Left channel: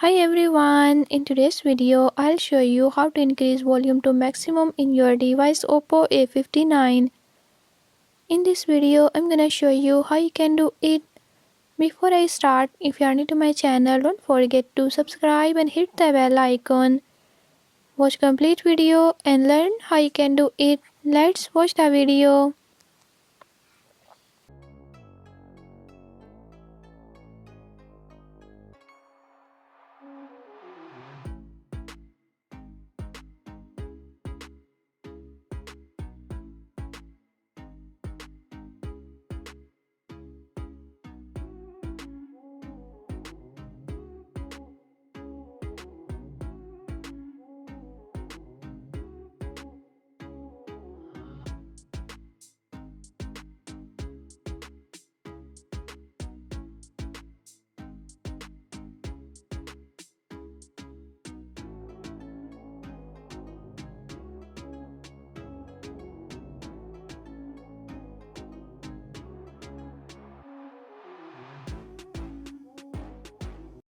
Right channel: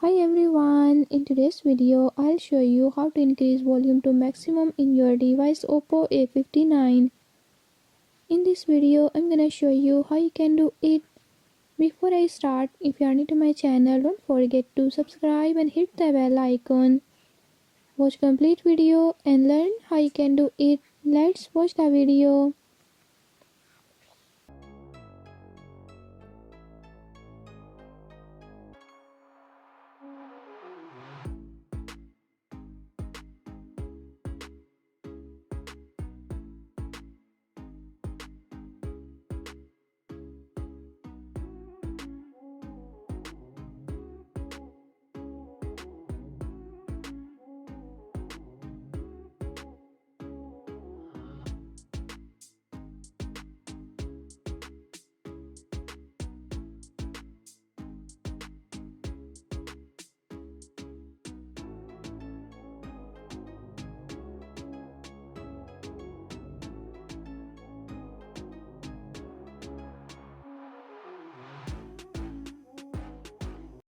Hi everyone, in today's video I'll show you how to increase volume to maximum in your device Oppo A59. In this video I'm gonna show you how you can do it. Before I start, if you are new to my channel, don't forget to subscribe and hit the bell icon. Watch complete video and learn how you can do it. Let's watch the video.